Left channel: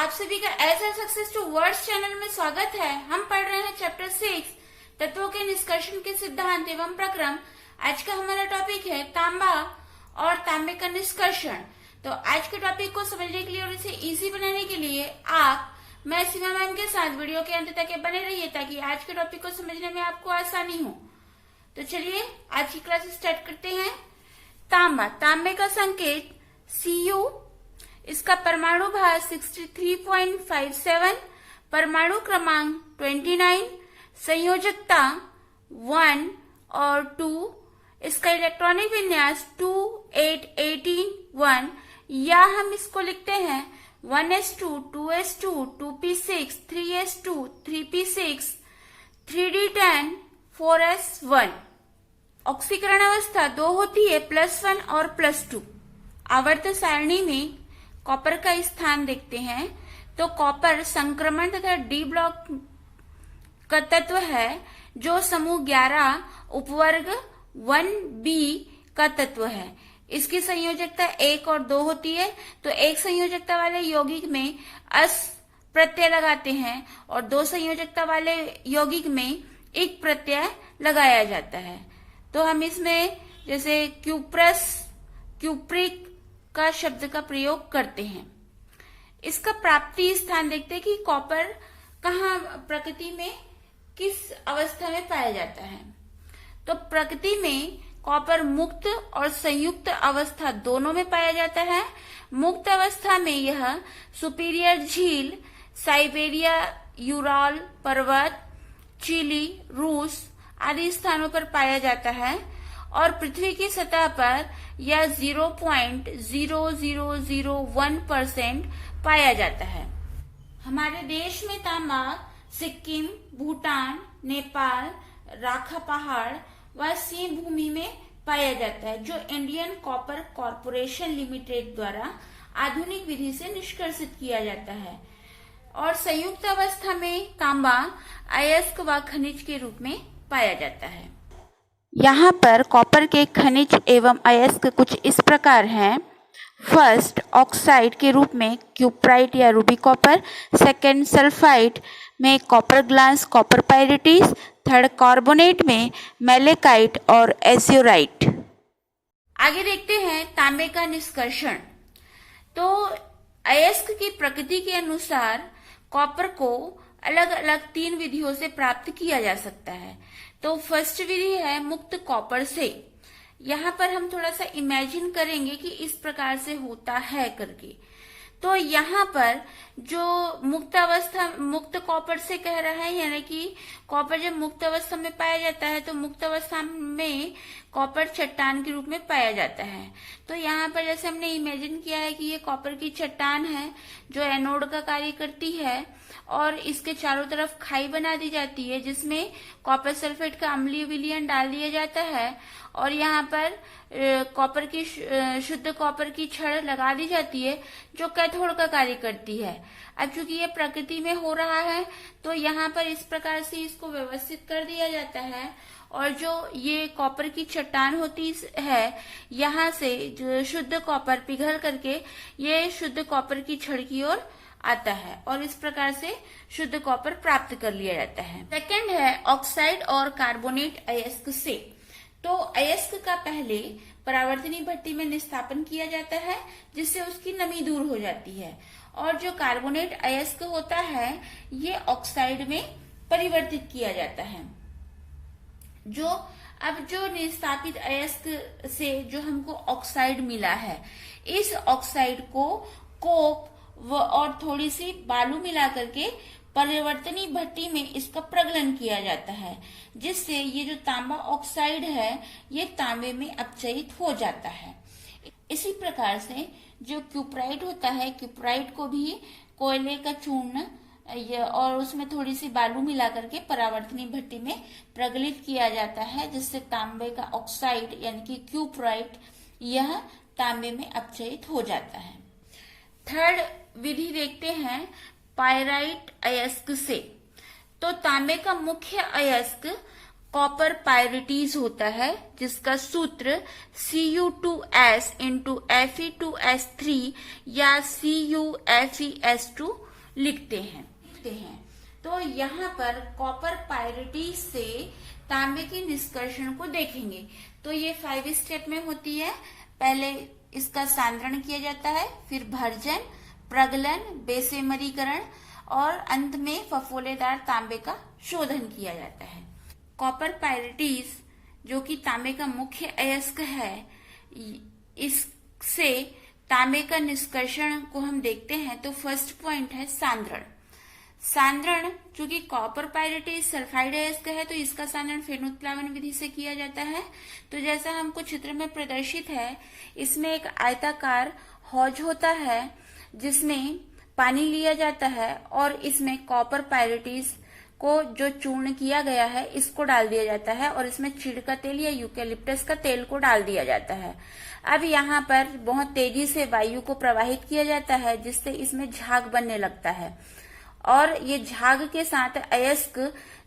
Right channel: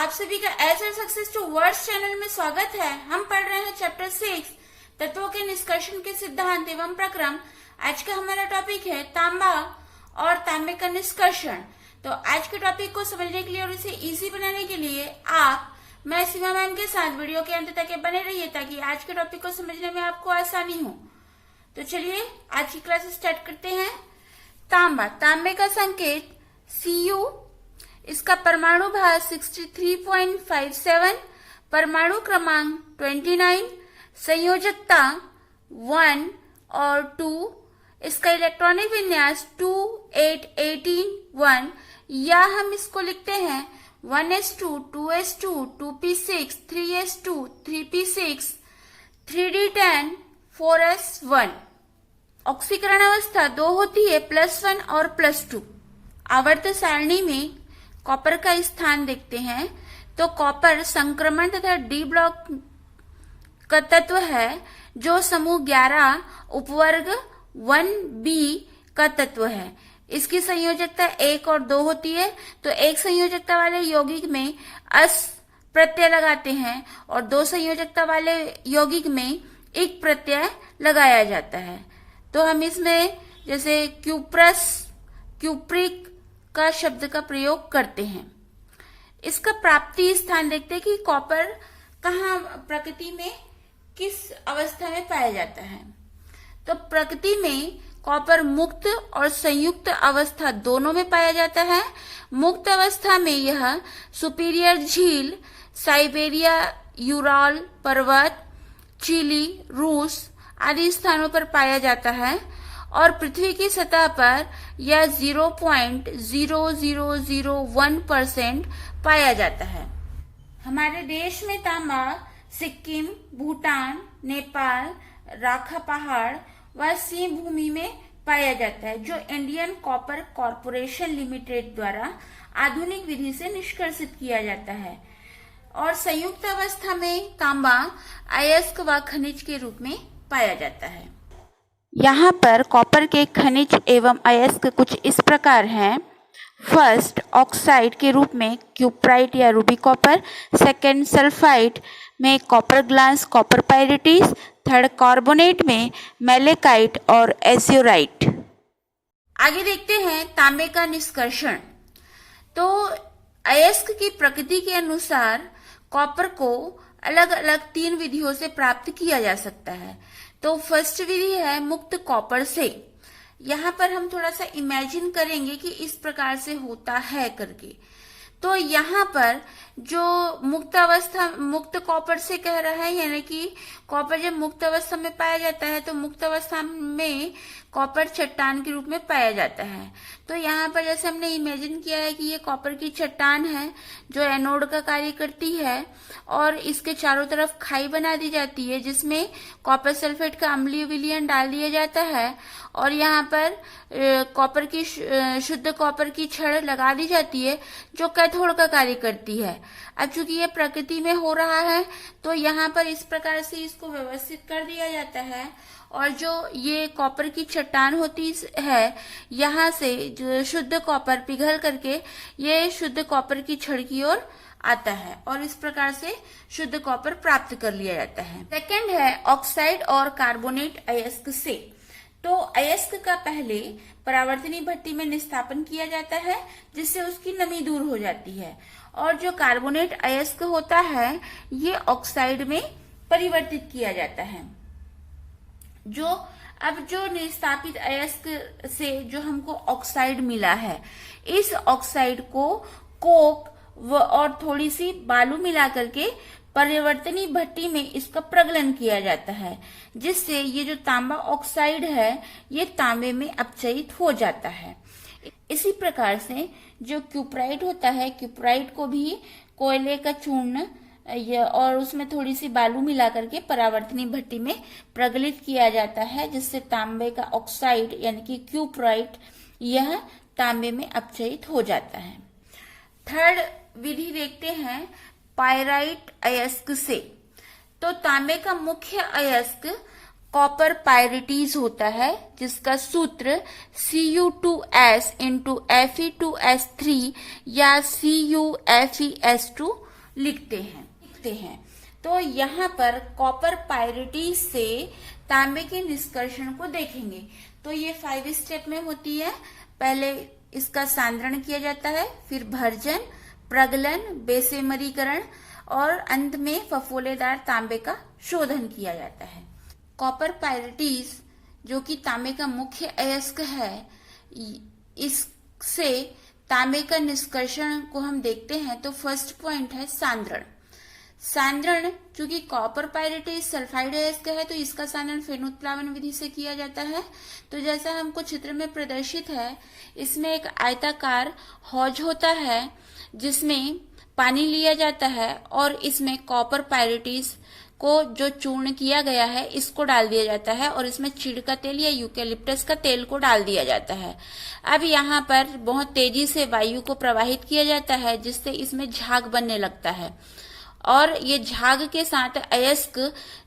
आप सभी का edge success towards channel में स्वागत है। हम पढ़ रहे हैं चैप्टर 6 तत्वों के निष्कर्षण के सिद्धांत एवं प्रक्रम। आज का हमारा टॉपिक है तांबा और तांबे का निष्कर्षण। तो आज के टॉपिक को समझने के लिए और इसे इजी बनाने के लिए मैं सीमा मैम के साथ वीडियो के अंत तक बने रहिए ताकि आज के टॉपिक को समझने में आपको आसानी हो। तो चलिए आज की क्लास स्टार्ट करते हैं। तांबा, तांबे का संकेत Cu, इसका परमाणु भार 63.57, परमाणु क्रमांक 29, संयोजकता 1 और 2, इसका इलेक्ट्रॉनिक विन्यास 2 8 18 1, या हम इसको लिखते हैं 1s2 2s2 2p6 3s2 3p6 3d10 4s1। ऑक्सीकरण अवस्था 2 होती है, +1 और +2। आवर्त सारणी में कॉपर का स्थान देखते हैं तो कॉपर संक्रमण तथा डी ब्लॉक का तत्व है जो समूह 11 उपवर्ग 1b का तत्व है। इसकी संयोजकता 1 और 2 होती है। तो एक संयोजकता वाले यौगिक में अस प्रत्यय लगाते हैं और 2 संयोजकता वाले यौगिक में इक प्रत्यय लगाया जाता है। तो हम इसमें जैसे क्यूप्रस, क्यूप्रिक का शब्द का प्रयोग करते हैं। इसका प्राप्ति स्थान देखते हैं कि कॉपर कहाँ प्रकृति में किस अवस्था में पाया जाता है। तो प्रकृति में कॉपर मुक्त और संयुक्त अवस्था दोनों में पाया जाता है। मुक्त अवस्था में यह सुपीरियर झील, साइबेरिया, यूराल पर्वत, चिली, रूस आदि स्थानों पर पाया जाता है और पृथ्वी की सतह पर यह 0.0001% पाया जाता है। हमारे देश में तांबा सिक्किम, भूटान, नेपाल, राखा पहाड़ व सिंह भूमि में पाया जाता है, जो इंडियन कॉपर कॉरपोरेशन लिमिटेड द्वारा आधुनिक विधि से निष्कर्षित किया जाता है। और संयुक्त अवस्था में तांबा अयस्क व खनिज के रूप में पाया जाता है। यहाँ पर कॉपर के खनिज एवं अयस्क कुछ इस प्रकार हैं। फर्स्ट, ऑक्साइड के रूप में क्यूप्राइट या रूबी कॉपर। सेकेंड, सल्फाइड में copper glass, copper pyrites. Third, carbonate में मैलेकाइट और एज्योराइट। आगे देखते हैं तांबे का निष्कर्षण। तो अयस्क की प्रकृति के अनुसार कॉपर को अलग अलग 3 विधियों से प्राप्त किया जा सकता है। तो फर्स्ट विधि है मुक्त कॉपर से। यहाँ पर हम थोड़ा सा इमेजिन करेंगे कि इस प्रकार से होता है करके। तो यहाँ पर जो मुक्त कॉपर से कह रहा है, यानी कि कॉपर जब मुक्त अवस्था में पाया जाता है तो मुक्त अवस्था में कॉपर चट्टान के रूप में पाया जाता है। तो यहाँ पर जैसे हमने इमेजिन किया है कि ये कॉपर की चट्टान है जो एनोड का कार्य करती है और इसके चारों तरफ खाई बना दी जाती है जिसमें कॉपर सल्फेट का अम्लीय विलयन डाल दिया जाता है और यहाँ पर कॉपर की शुद्ध कॉपर की छड़ लगा दी जाती है जो कैथोड का कार्य करती है। अब चूंकि ये प्रकृति में हो रहा है तो यहाँ पर इस प्रकार से इसको व्यवस्थित कर दिया जाता है और जो ये कॉपर की चट्टान होती है यहाँ से जो शुद्ध कॉपर पिघल करके ये शुद्ध कॉपर की छड़ की ओर आता है और इस प्रकार से शुद्ध कॉपर प्राप्त कर लिया जाता है। सेकंड है ऑक्साइड और कार्बोनेट अयस्क से। तो अयस्क का पहले परावर्तनी भट्टी में निस्थापन किया जाता है जिससे उसकी नमी दूर हो जाती है और जो कार्बोनेट अयस्क होता है ये ऑक्साइड में परिवर्तित किया जाता है। जो निस्थापित अयस्क से जो हमको ऑक्साइड मिला है, इस ऑक्साइड को कोक और थोड़ी सी बालू मिला करके परिवर्तनी भट्टी में इसका प्रगलन किया जाता है जिससे ये जो तांबा ऑक्साइड है ये तांबे में अपचयित हो जाता है। इसी प्रकार से जो क्यूप्राइट होता है, क्यूप्राइट को भी कोयले का चूर्ण और उसमें थोड़ी सी बालू मिला करके परावर्तनी भट्टी में प्रगलित किया जाता है जिससे तांबे का ऑक्साइड यानी कि क्यूप्राइट यह तांबे में अपचयित हो जाता है। थर्ड विधि देखते हैं पायराइट अयस्क से। तो तांबे का मुख्य अयस्क कॉपर पायरिटीज होता है जिसका सूत्र Cu2s into Fe2s3 या CuFeS2 लिखते हैं। तो यहाँ पर कॉपर पायरिटीज से तांबे के निष्कर्षण को देखेंगे। तो ये 5 स्टेप में होती है। पहले इसका सांद्रण किया जाता है, फिर भर्जन, प्रगलन, बेसेमरीकरण और अंत में फफोलेदार तांबे का शोधन किया जाता है। कॉपर पायरिटीज जो कि तांबे का मुख्य अयस्क है, इससे तांबे का निष्कर्षण को हम देखते हैं। तो फर्स्ट पॉइंट है सांद्रण। सांद्रण, चूंकि कॉपर पायरिटीज सल्फाइड अयस्क है तो इसका सांद्रण फेनोत्प्लावन विधि से किया जाता है। तो जैसा हमको चित्र में प्रदर्शित है, इसमें एक आयताकार हौज होता है जिसमें पानी लिया जाता है और इसमें कॉपर पायरिटीज को जो चूर्ण किया गया है इसको डाल दिया जाता है और इसमें चीड़ का तेल या यूकेलिप्टस का तेल को डाल दिया जाता है। अब यहाँ पर बहुत तेजी से वायु को प्रवाहित किया जाता है जिससे इसमें झाग बनने लगता है और ये झाग के साथ अयस्क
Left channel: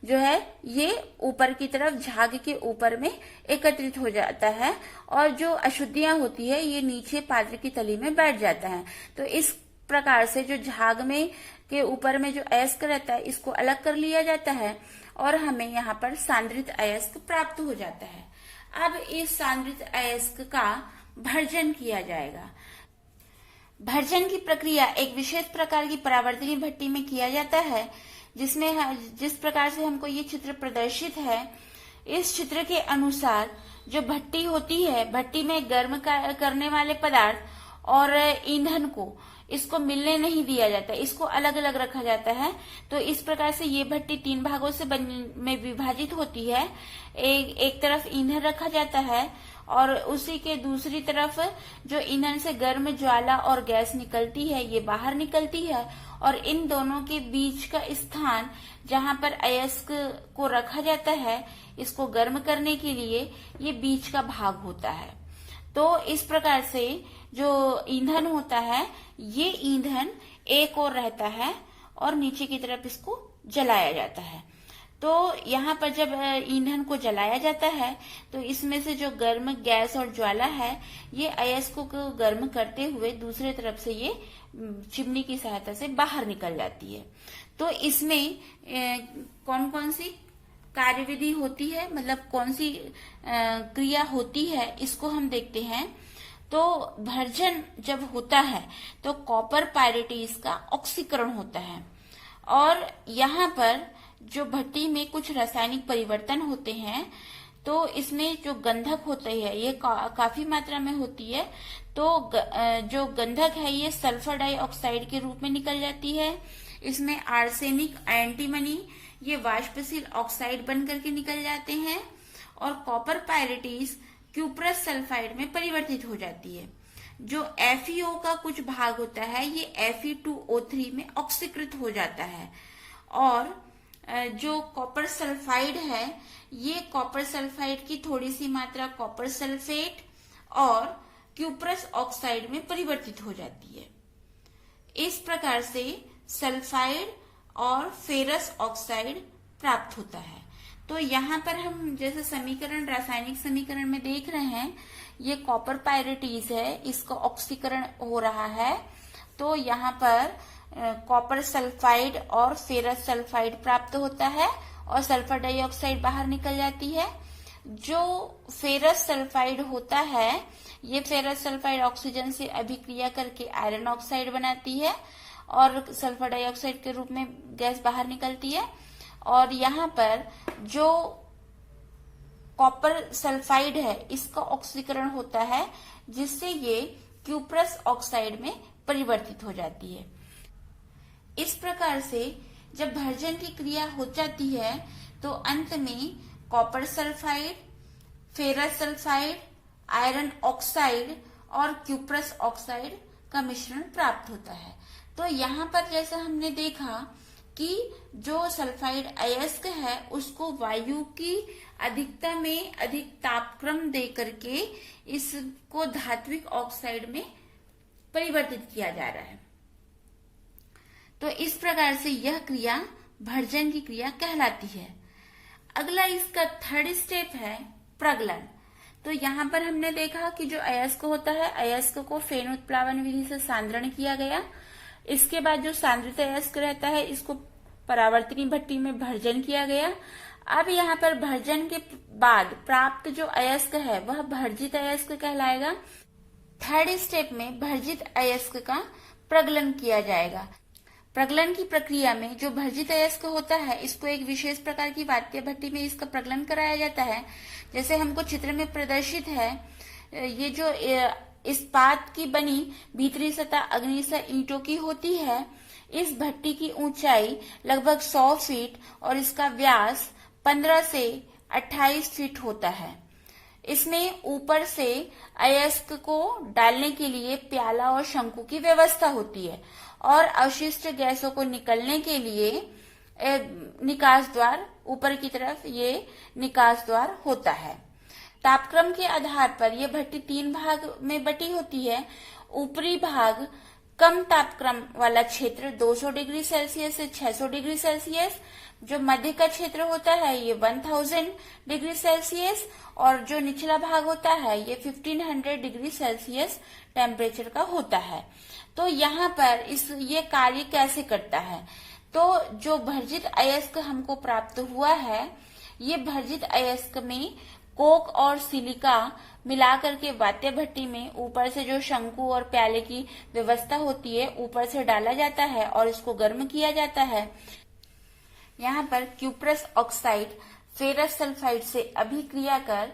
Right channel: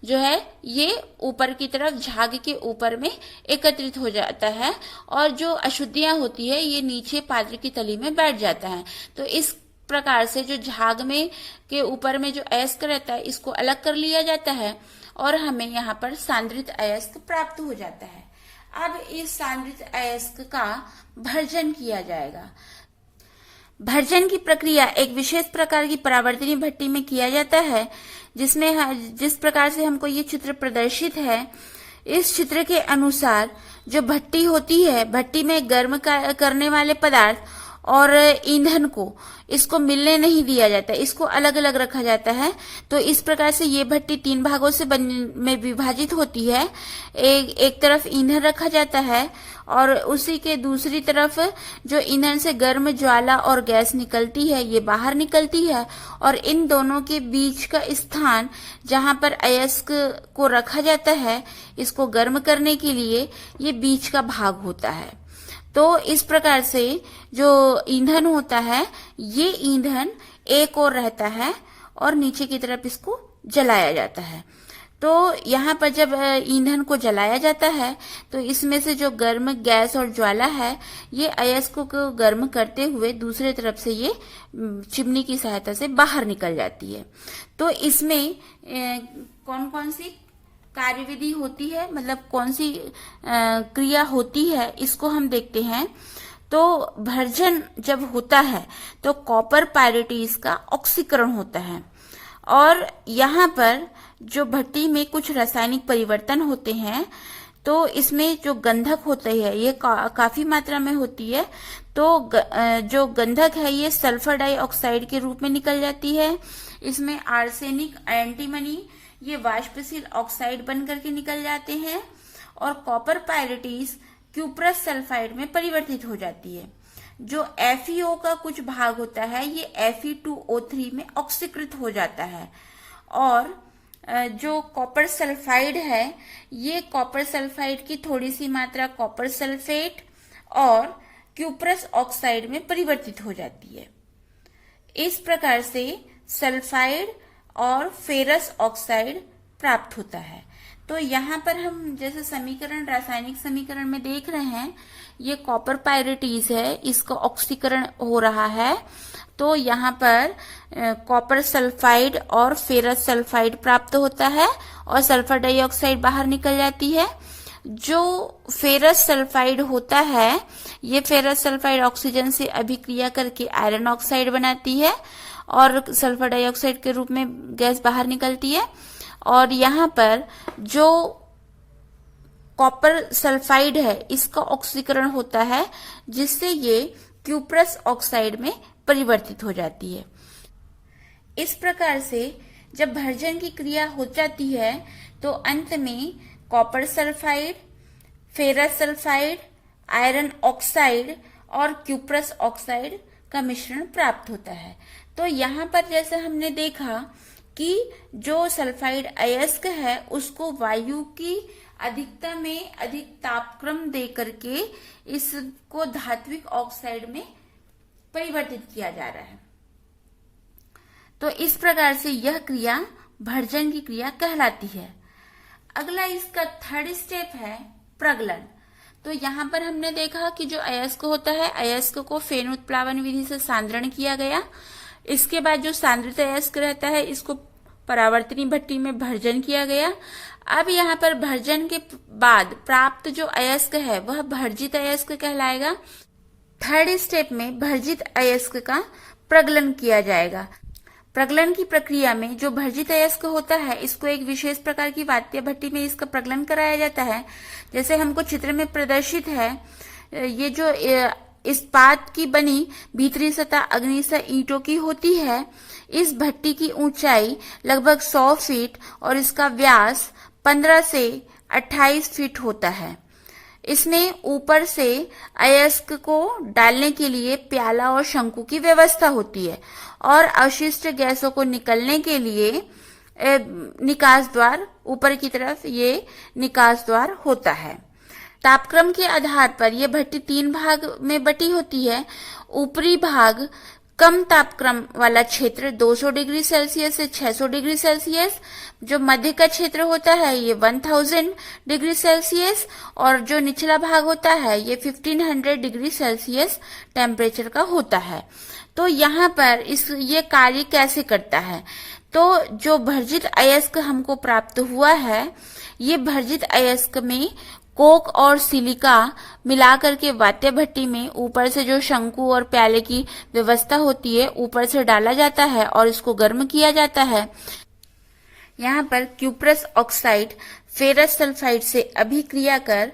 जो है ये ऊपर की तरफ झाग के ऊपर में एकत्रित हो जाता है और जो अशुद्धियां होती है ये नीचे पात्र की तली में बैठ जाता है। तो इस प्रकार से जो झाग में के ऊपर में जो अयस्क रहता है इसको अलग कर लिया जाता है और हमें यहाँ पर सांद्रित अयस्क प्राप्त हो जाता है। अब इस सांद्रित अयस्क का भर्जन किया जाएगा। भर्जन की प्रक्रिया एक विशेष प्रकार की परावर्तनीय भट्टी में किया जाता है, जिसमें जिस प्रकार से हमको ये चित्र प्रदर्शित है, इस चित्र के अनुसार जो भट्टी होती है, भट्टी में गर्म करने वाले पदार्थ और ईंधन को इसको मिलने नहीं दिया जाता, इसको अलग अलग रखा जाता है। तो इस प्रकार से ये भट्टी 3 भागों से में विभाजित होती है। एक तरफ ईंधन रखा जाता है और उसी के दूसरी तरफ जो ईंधन से गर्म ज्वाला और गैस निकलती है ये बाहर निकलती है और इन दोनों के बीच का स्थान जहां पर अयस्क को रखा जाता है इसको गर्म करने के लिए ये बीच का भाग होता है। तो इस प्रकार से जो ईंधन होता है ये ईंधन एक ओर रहता है और नीचे की तरफ इसको जलाया जाता है। तो यहाँ पर जब ईंधन को जलाया जाता है तो इसमें से जो गर्म गैस और ज्वाला है ये अयस्क को गर्म करते हुए दूसरे तरफ से ये चिमनी की सहायता से बाहर निकल जाती है। तो इसमें कौन कौन सी कार्यविधि होती है, मतलब कौन सी क्रिया होती है, इसको हम देखते हैं। तो भर्जन जब होता है तो कॉपर पायरिटीज का ऑक्सीकरण होता है और यहाँ पर जो भट्टी में कुछ रासायनिक परिवर्तन होते हैं तो इसमें जो गंधक होती है ये काफी मात्रा में होती है। तो जो गंधक है ये सल्फर डाइऑक्साइड के रूप में निकल जाती है। इसमें आर्सेनिक, एंटीमनी ये वाष्पशील ऑक्साइड बन करके निकल जाते हैं और कॉपर पायरिटीज क्यूप्रस सल्फाइड में परिवर्तित हो जाती है। जो FeO का कुछ भाग होता है ये Fe2O3 में ऑक्सीकृत हो जाता है और जो कॉपर सल्फाइड है ये कॉपर सल्फाइड की थोड़ी सी मात्रा कॉपर सल्फेट और क्यूप्रस ऑक्साइड में परिवर्तित हो जाती है। इस प्रकार से सल्फाइड और फेरस ऑक्साइड प्राप्त होता है। तो यहाँ पर हम जैसे समीकरण, रासायनिक समीकरण में देख रहे हैं, ये कॉपर पायरिटीज है, इसका ऑक्सीकरण हो रहा है। तो यहाँ पर कॉपर सल्फाइड और फेरस सल्फाइड प्राप्त होता है और सल्फर डाइऑक्साइड बाहर निकल जाती है। जो फेरस सल्फाइड होता है ये फेरस सल्फाइड ऑक्सीजन से अभिक्रिया करके आयरन ऑक्साइड बनाती है और सल्फर डाइऑक्साइड के रूप में गैस बाहर निकलती है। और यहाँ पर जो कॉपर सल्फाइड है इसका ऑक्सीकरण होता है जिससे ये क्यूप्रस ऑक्साइड में परिवर्तित हो जाती है। इस प्रकार से जब भर्जन की क्रिया हो जाती है तो अंत में copper sulphide, ferrous sulphide, iron oxide और क्यूप्रस ऑक्साइड का मिश्रण प्राप्त होता है। तो यहाँ पर जैसे हमने देखा कि जो सल्फाइड अयस्क है उसको वायु की अधिकता में अधिक तापक्रम दे करके इसको धात्विक ऑक्साइड में परिवर्तित किया जा रहा है। तो इस प्रकार से यह क्रिया भर्जन की क्रिया कहलाती है। अगला इसका 3rd स्टेप है प्रगलन। तो यहाँ पर हमने देखा कि जो अयस्क होता है, अयस्क को फेनोत्प्लावन विधि से सांद्रण किया गया, इसके बाद जो सांद्रित अयस्क रहता है इसको परावर्तनी भट्टी में भर्जन किया गया। अब यहाँ पर भर्जन के बाद प्राप्त जो अयस्क है वह भर्जित अयस्क कहलाएगा। थर्ड स्टेप में भर्जित अयस्क का प्रगलन किया जाएगा। प्रगलन की प्रक्रिया में जो भर्जित अयस्क होता है इसको एक विशेष प्रकार की वात्य भट्टी में इसका प्रगलन कराया जाता है। जैसे हमको चित्र में प्रदर्शित है, ये जो इस्पात की बनी भीतरी सतह अग्निशय ईंटों की होती है। इस भट्टी की ऊंचाई लगभग 100 फीट और इसका व्यास 15 से 28 फीट होता है। इसमें ऊपर से अयस्क को डालने के लिए प्याला और शंकु की व्यवस्था होती है और अवशिष्ट गैसों को निकलने के लिए निकास द्वार, ऊपर की तरफ ये निकास द्वार होता है। तापक्रम के आधार पर यह भट्टी 3 भाग में बटी होती है। ऊपरी भाग कम तापक्रम वाला क्षेत्र 200 डिग्री सेल्सियस से 600 डिग्री सेल्सियस, जो मध्य का क्षेत्र होता है ये 1000 डिग्री सेल्सियस और जो निचला भाग होता है ये 1500 डिग्री सेल्सियस टेम्परेचर का होता है। तो यहाँ पर ये कार्य कैसे करता है, तो जो भर्जित अयस्क हमको प्राप्त हुआ है, ये भर्जित अयस्क में कोक और सिलिका मिलाकर के वात्य भट्टी में ऊपर से जो शंकु और प्याले की व्यवस्था होती है ऊपर से डाला जाता है और इसको गर्म किया जाता है। यहाँ पर क्यूप्रस ऑक्साइड फेरस सल्फाइड से अभिक्रिया कर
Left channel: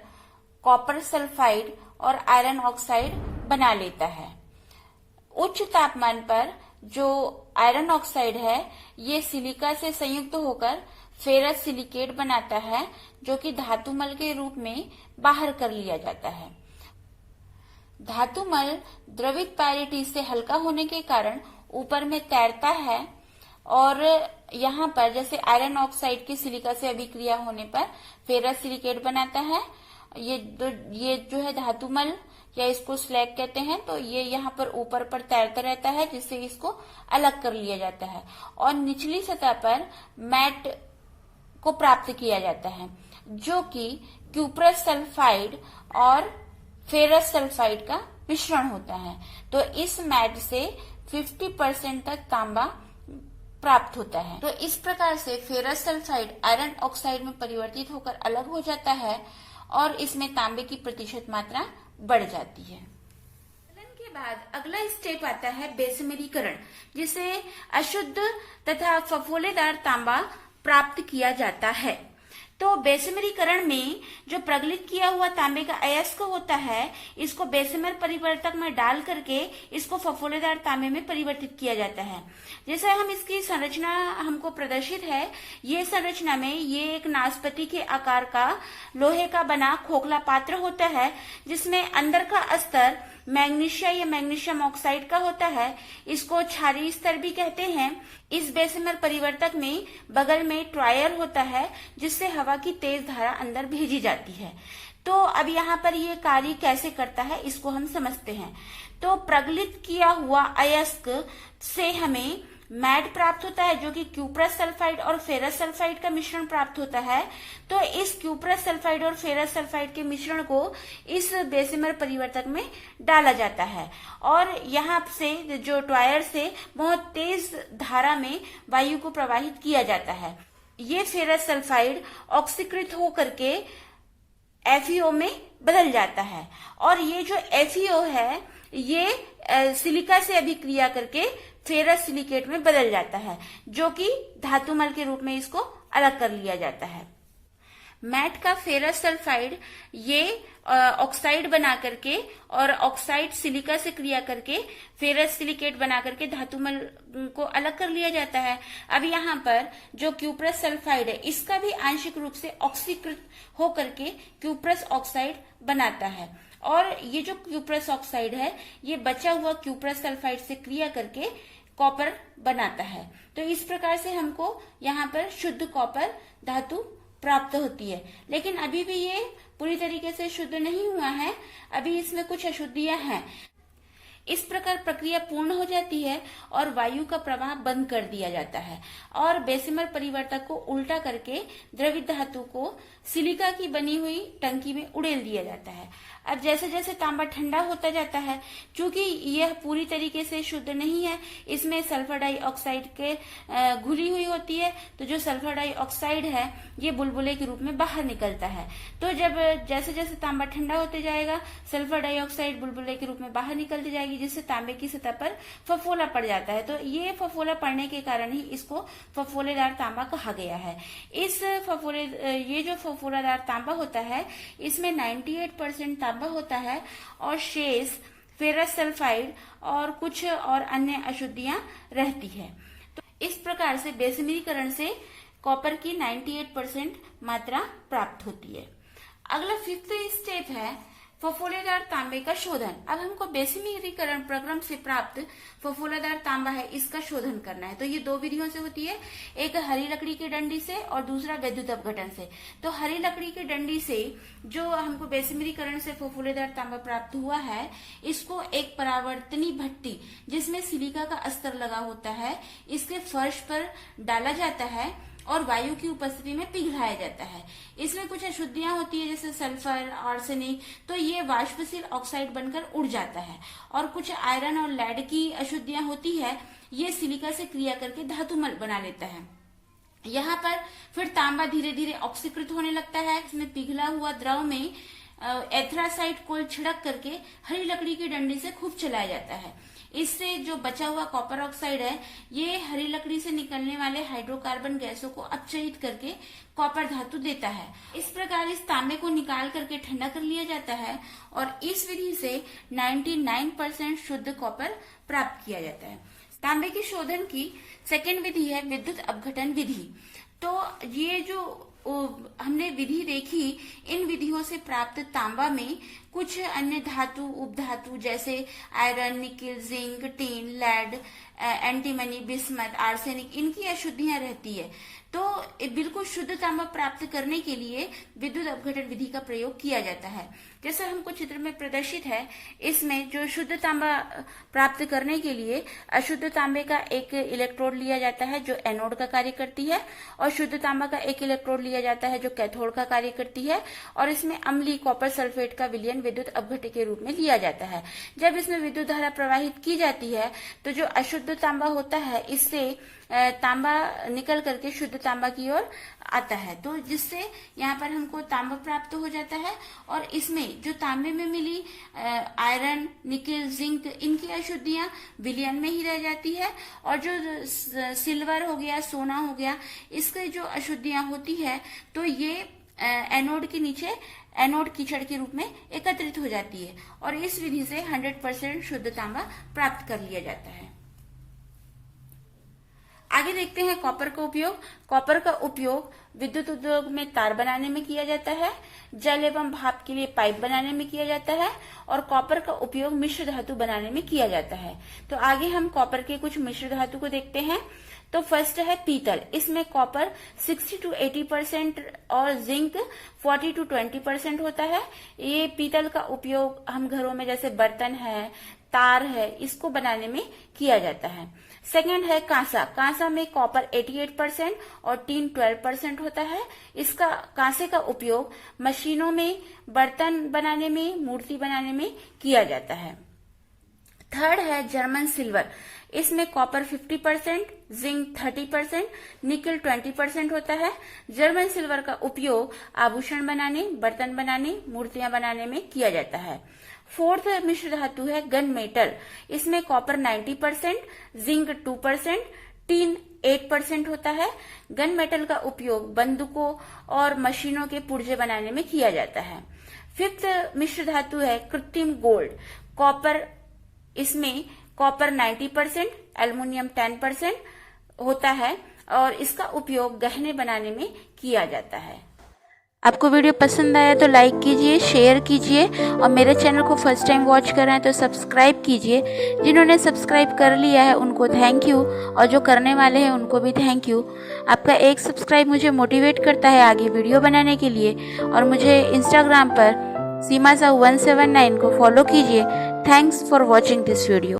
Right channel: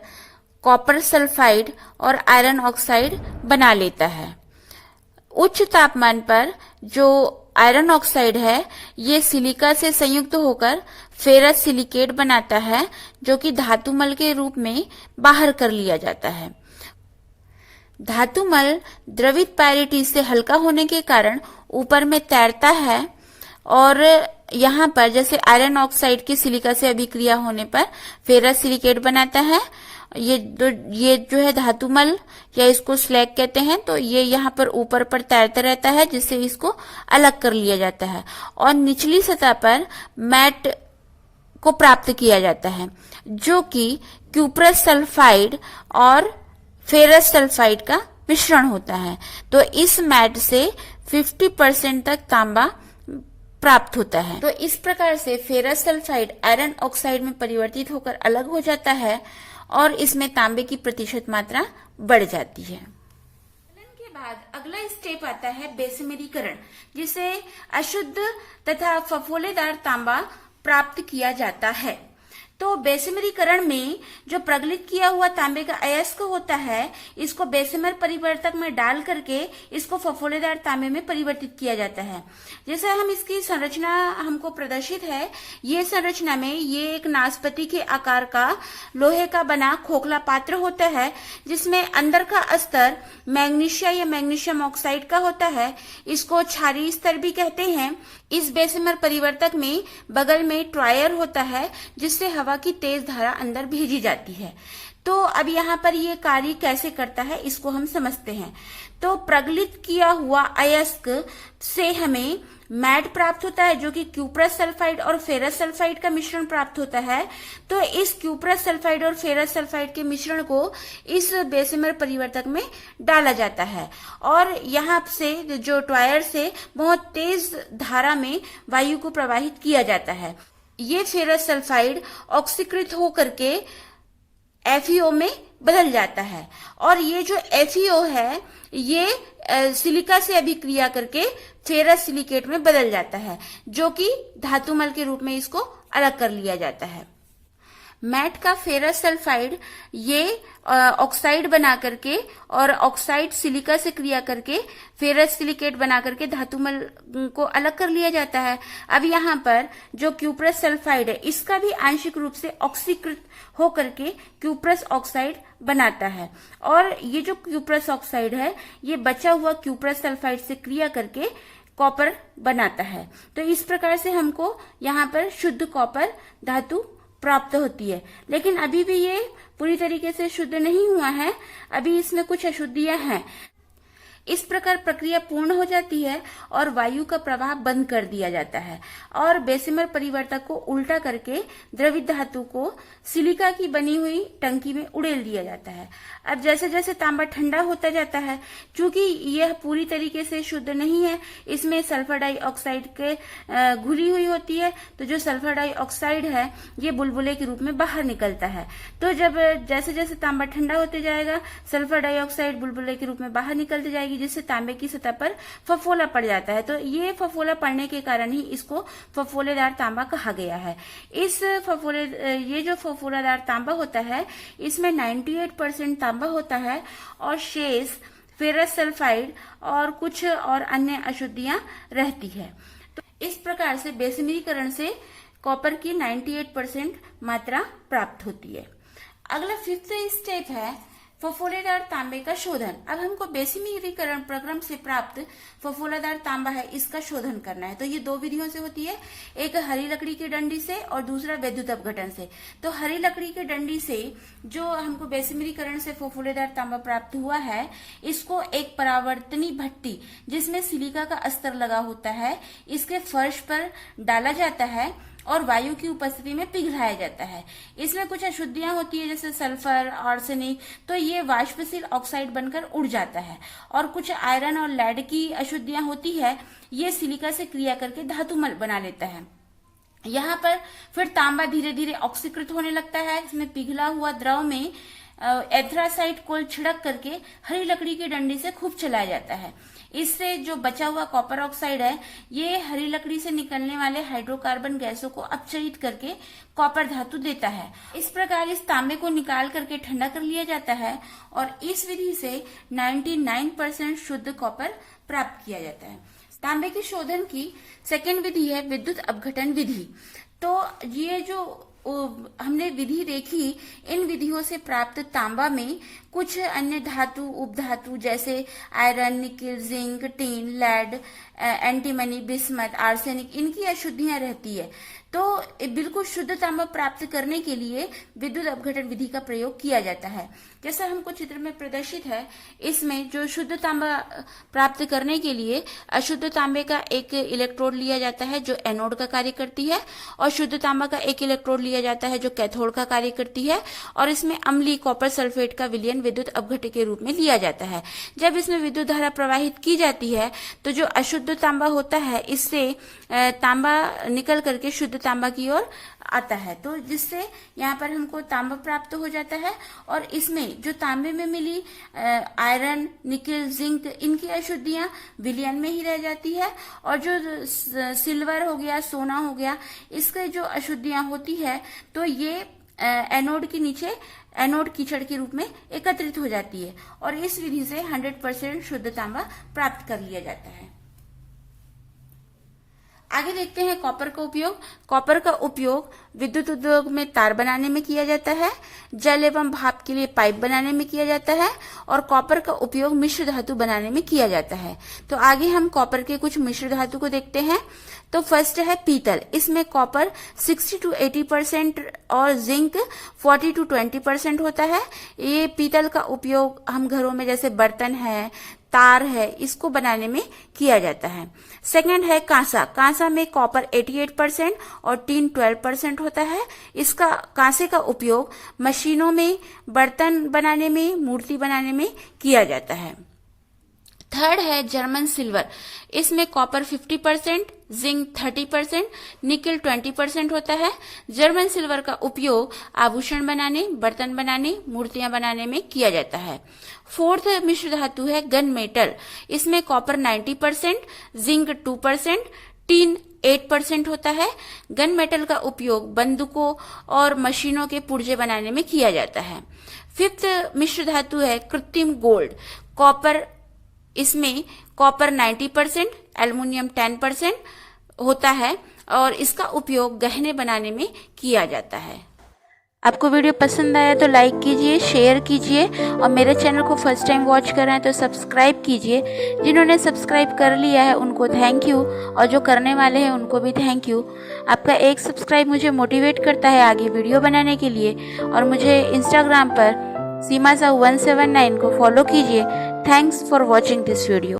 कॉपर सल्फाइड और आयरन ऑक्साइड बना लेता है। उच्च तापमान पर जो आयरन ऑक्साइड है ये सिलिका से संयुक्त होकर फेरस सिलिकेट बनाता है, जो कि धातुमल के रूप में बाहर कर लिया जाता है। धातुमल द्रवित पायरेटी से हल्का होने के कारण ऊपर में तैरता है और यहाँ पर जैसे आयरन ऑक्साइड की सिलिका से अभिक्रिया होने पर फेरस सिलिकेट बनाता है। ये जो है धातुमल या इसको स्लैग कहते हैं, तो ये यहाँ पर ऊपर पर तैरता रहता है जिससे इसको अलग कर लिया जाता है और निचली सतह पर मैट को प्राप्त किया जाता है, जो कि क्यूप्रस सल्फाइड और फेरस सल्फाइड का मिश्रण होता है। तो इस मैट से 50% तक तांबा प्राप्त होता है। तो इस प्रकार से फेरस सल्फाइड आयरन ऑक्साइड में परिवर्तित होकर अलग हो जाता है और इसमें तांबे की प्रतिशत मात्रा बढ़ जाती है। के बाद अगला स्टेप आता है बेसमेरीकरण, जिसे अशुद्ध तथा फफोलेदार तांबा प्राप्त किया जाता है। तो बेसमेरीकरण में जो प्रगलित किया हुआ तांबे का अयस्क होता है इसको बेसमेर परिवर्तक में डाल करके इसको फफोलेदार तांबे में परिवर्तित किया जाता है। जैसे हम इसकी संरचना हमको प्रदर्शित है, ये संरचना में ये एक नाशपाती के आकार का लोहे का बना खोखला पात्र होता है जिसमें अंदर का स्तर मैग्नीशिया या मैग्नीशियम ऑक्साइड का होता है। इसको क्षारीय स्तर भी कहते हैं। इस बेसमेर परिवर्तक में बगल में ट्रायर होता है जिससे हवा की तेज धारा अंदर भेजी जाती है। तो अब यहाँ पर ये कार्य कैसे करता है इसको हम समझते हैं। तो प्रगलित किया हुआ अयस्क से हमें मैट प्राप्त होता है, जो कि क्यूप्रस सल्फाइड और फेरस सल्फाइड का मिश्रण प्राप्त होता है। तो इस क्यूप्रस सल्फाइड और फेरस सल्फाइड के मिश्रण को इस बेसमेर परिवर्तक में डाला जाता है और यहाँ से जो ट्रायर से बहुत तेज धारा में वायु को प्रवाहित किया जाता है। ये फेरस सल्फाइड ऑक्सीकृत होकर के FeO में बदल जाता है और ये जो FeO है ये सिलिका से अभिक्रिया करके फेरस सिलिकेट में बदल जाता है, जो कि धातुमल के रूप में इसको अलग कर लिया जाता है। मैट का फेरस सल्फाइड ये ऑक्साइड बना करके और ऑक्साइड सिलिका से क्रिया करके फेरस सिलिकेट बना करके धातुमल को अलग कर लिया जाता है। अब यहाँ पर जो क्यूप्रस सल्फाइड है इसका भी आंशिक रूप से ऑक्सीकृत होकर के क्यूप्रस ऑक्साइड बनाता है और ये जो क्यूप्रस ऑक्साइड है ये बचा हुआ क्यूप्रस सल्फाइड से क्रिया करके कॉपर बनाता है। तो इस प्रकार से हमको यहाँ पर शुद्ध कॉपर धातु प्राप्त होती है। लेकिन अभी भी ये पूरी तरीके से शुद्ध नहीं हुआ है, अभी इसमें कुछ अशुद्धियां हैं। इस प्रकार प्रक्रिया पूर्ण हो जाती है और वायु का प्रवाह बंद कर दिया जाता है और बेसिमर परिवर्तक को उल्टा करके द्रवित धातु को सिलिका की बनी हुई टंकी में उड़ेल दिया जाता है। अब जैसे जैसे तांबा ठंडा होता जाता है, चूंकि यह पूरी तरीके से शुद्ध नहीं है, इसमें सल्फर डाइऑक्साइड के घुली हुई होती है, तो जो सल्फर डाइऑक्साइड है ये बुलबुले के रूप में बाहर निकलता है। तो जब जैसे जैसे तांबा ठंडा होते जाएगा, सल्फर डाइऑक्साइड बुलबुले के रूप में बाहर निकलती जाएगी, जिससे तांबे की सतह पर फफोला पड़ जाता है। तो ये फफोला पड़ने के कारण ही इसको फफोलेदार तांबा कहा गया है। ये जो फफोलादार तांबा होता है, इसमें 98% तांबा होता है और शेष फेरस सल्फाइड और कुछ और अन्य अशुद्धियां रहती है। तो इस प्रकार से बेसिमरीकरण से कॉपर की 98% मात्रा प्राप्त होती है। अगला 5th स्टेप है फफोलेदार तांबे का शोधन। अब हमको बेसिमरीकरण प्रक्रम से प्राप्त फफोलादार तांबा है, इसका शोधन करना है। तो ये 2 विधियों से होती है, एक हरी लकड़ी की डंडी से और दूसरा विद्युत अपघटन से। तो हरी लकड़ी की डंडी से जो हमको बेसिमरीकरण से फफोलेदार तांबा प्राप्त हुआ है, इसको एक परावर्तनी भट्टी जिसमें सिलिका का अस्तर लगा होता है, इसके फर्श पर डाला जाता है और वायु की उपस्थिति में पिघलाया जाता है। इसमें कुछ अशुद्धियां होती है जैसे सल्फर, आर्सेनिक, तो ये वाष्पशील ऑक्साइड बनकर उड़ जाता है। और कुछ आयरन और लेड की अशुद्धियां होती है, ये सिलिका से क्रिया करके धातु बना लेता है। यहाँ पर फिर तांबा धीरे धीरे ऑक्सीकृत होने लगता है। इसमें पिघला हुआ द्रव में एथरासाइट कोल छिड़क करके हरी लकड़ी की डंडी से खूब चलाया जाता है। इससे जो बचा हुआ कॉपर ऑक्साइड है, ये हरी लकड़ी से निकलने वाले हाइड्रोकार्बन गैसों को अपचयित करके कॉपर धातु देता है। इस प्रकार इस तांबे को निकाल करके ठंडा कर लिया जाता है और इस विधि से 99% शुद्ध कॉपर प्राप्त किया जाता है। तांबे के शोधन की सेकेंड विधि है विद्युत अपघटन विधि। तो ये जो हमने विधि देखी, इन विधियों से प्राप्त तांबा में कुछ अन्य धातु, उपधातु जैसे iron, nickel, zinc, tin, lead, antimony, bismuth, arsenic, इनकी अशुद्धियां रहती है। तो बिल्कुल शुद्ध तांबा प्राप्त करने के लिए विद्युत अपघटन विधि का प्रयोग किया जाता है। जैसा हमको चित्र में प्रदर्शित है, इसमें जो शुद्ध तांबा प्राप्त करने के लिए अशुद्ध तांबे का एक इलेक्ट्रोड लिया जाता है जो एनोड का कार्य करती है, और शुद्ध तांबा का एक इलेक्ट्रोड लिया जाता है जो कैथोड का कार्य करती है, और इसमें अम्लीय कॉपर सल्फेट का विलयन विद्युत अपघट्य के रूप में लिया जाता है। जब इसमें विद्युत धारा प्रवाहित की जाती है तो जो अशुद्ध तांबा होता है, इससे तांबा निकल करके शुद्ध तांबा की ओर आता है, तो जिससे यहाँ पर हमको तांबा प्राप्त हो जाता है। और इसमें जो तांबे में मिली आयरन, निकिल, जिंक, इनकी अशुद्धियां विलयन में ही रह जाती है, और जो सिल्वर हो गया, सोना हो गया, इसके जो अशुद्धियां होती है तो ये एनोड के नीचे एनोड कीचड़ के रूप में एकत्रित हो जाती है, और इस विधि से 100% शुद्ध तांबा प्राप्त कर लिया जाता है। आगे देखते हैं कॉपर का उपयोग। कॉपर का उपयोग विद्युत उद्योग में तार बनाने में किया जाता है, जल एवं भाप के लिए पाइप बनाने में किया जाता है, और कॉपर का उपयोग मिश्र धातु बनाने में किया जाता है। तो आगे हम कॉपर के कुछ मिश्र धातु को देखते हैं। तो फर्स्ट है पीतल। इसमें कॉपर 60 to 80% और जिंक 40 to 20% होता है। ये पीतल का उपयोग हम घरों में जैसे बर्तन है, तार है, इसको बनाने में किया जाता है। सेकंड है कांसा। कांसा में कॉपर 88% और टीन 12% होता है। इसका कांसे का उपयोग मशीनों में बर्तन बनाने में, मूर्ति बनाने में किया जाता है। थर्ड है जर्मन सिल्वर। इसमें कॉपर 50%, जिंक 30%, निकल 20% होता है। जर्मन सिल्वर का उपयोग आभूषण बनाने, बर्तन बनाने, मूर्तियां बनाने में किया जाता है। फोर्थ मिश्र धातु है गन मेटल। इसमें कॉपर 90%, जिंक 2%, टीन 8% होता है। गन मेटल का उपयोग बंदूकों और मशीनों के पुर्जे बनाने में किया जाता है। फिफ्थ मिश्र धातु है कृत्रिम गोल्ड। इसमें कॉपर 90%, एल्युमिनियम 10% होता है, और इसका उपयोग गहने बनाने में किया जाता है। आपको वीडियो पसंद आया तो लाइक कीजिए, शेयर कीजिए, और मेरे चैनल को फर्स्ट टाइम वॉच कर रहे हैं तो सब्सक्राइब कीजिए। जिन्होंने सब्सक्राइब कर लिया है उनको थैंक यू, और जो करने वाले हैं उनको भी थैंक यू। आपका एक सब्सक्राइब मुझे मोटिवेट करता है आगे वीडियो बनाने के लिए, और मुझे इंस्टाग्राम पर सीमा साहू 179 को फॉलो कीजिए। Thanks for watching this video.